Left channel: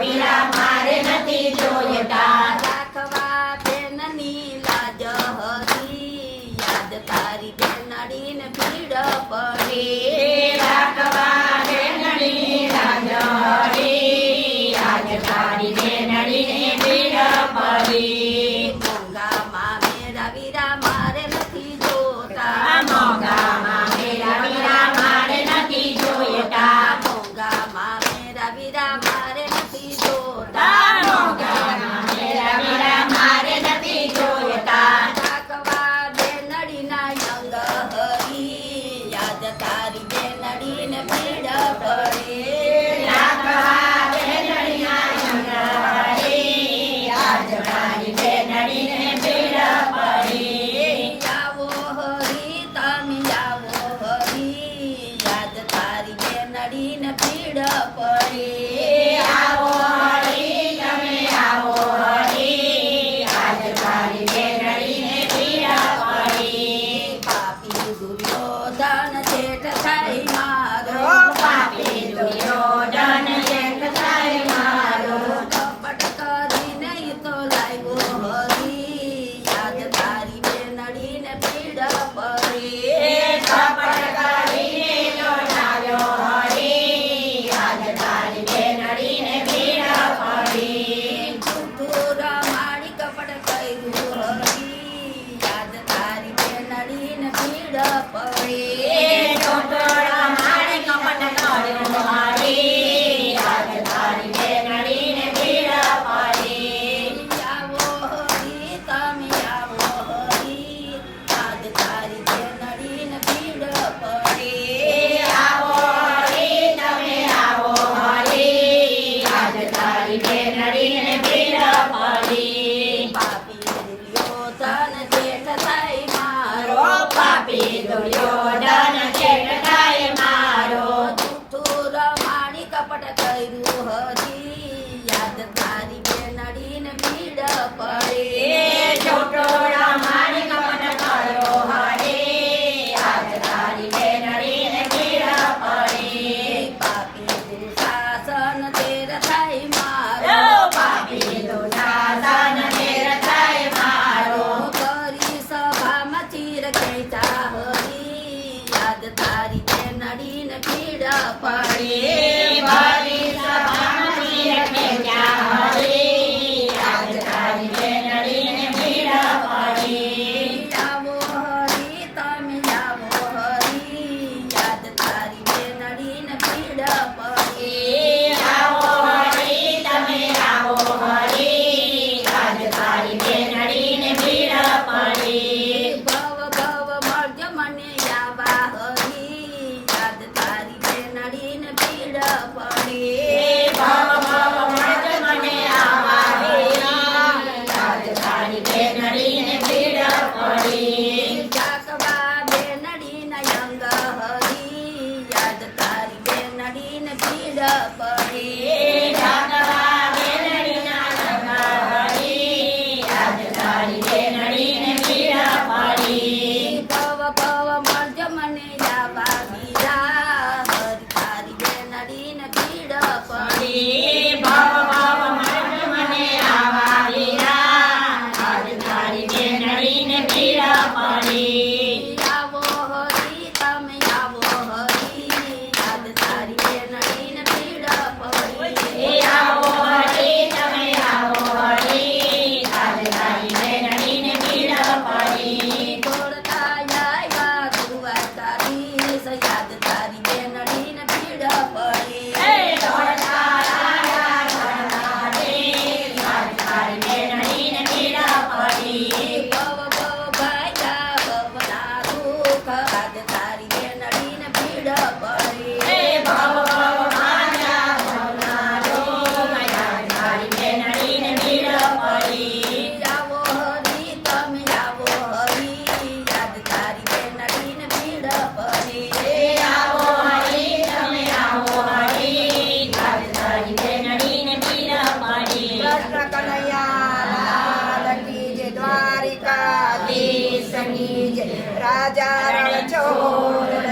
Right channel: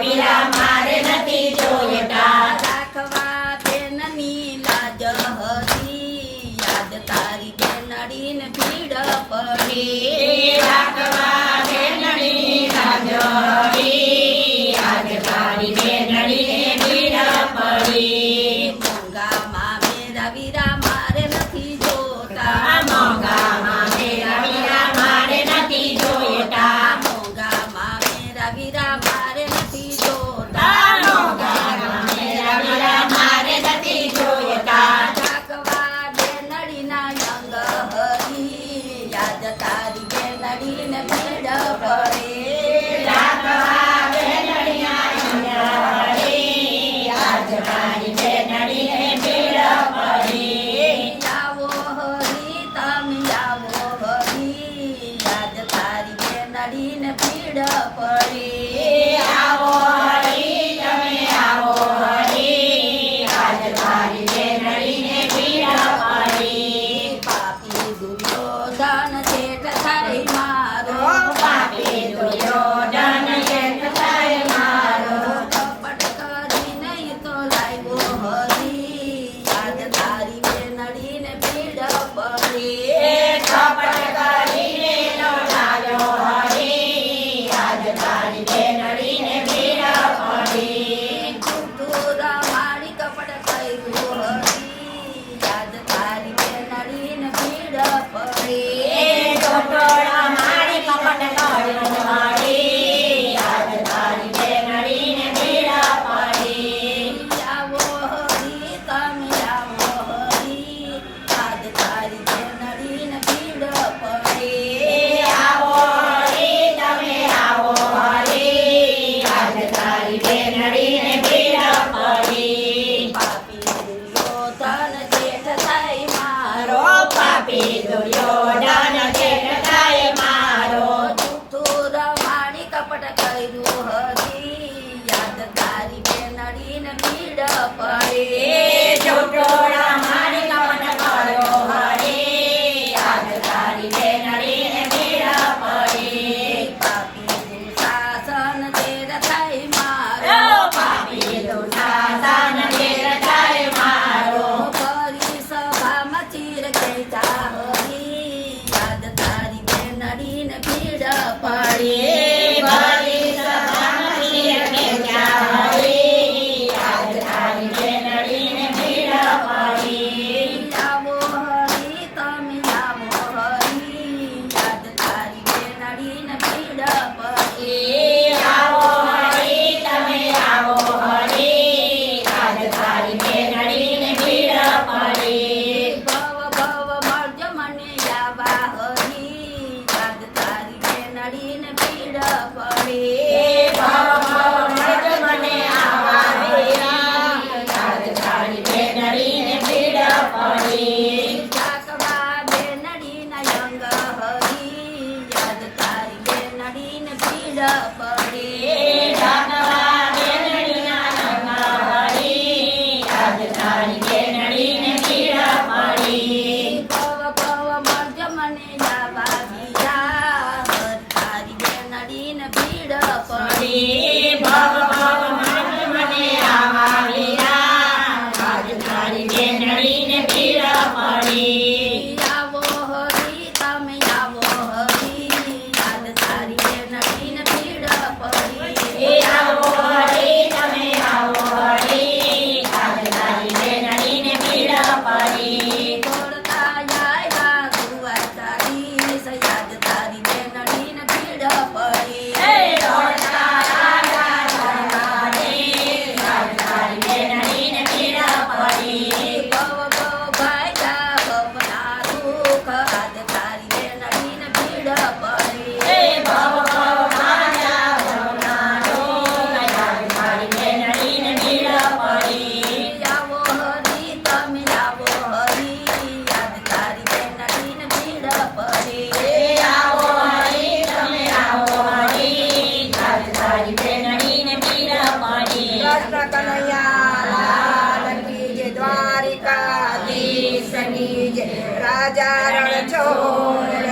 પીળા મારે નથી જોઈતા રાખવા બેનની લાજ યાદ તારી ભીડ પડી. છેદ પડે આવો હરી તમે Duryodhan You're gonna. Sanghi Jai Raja Rana Chore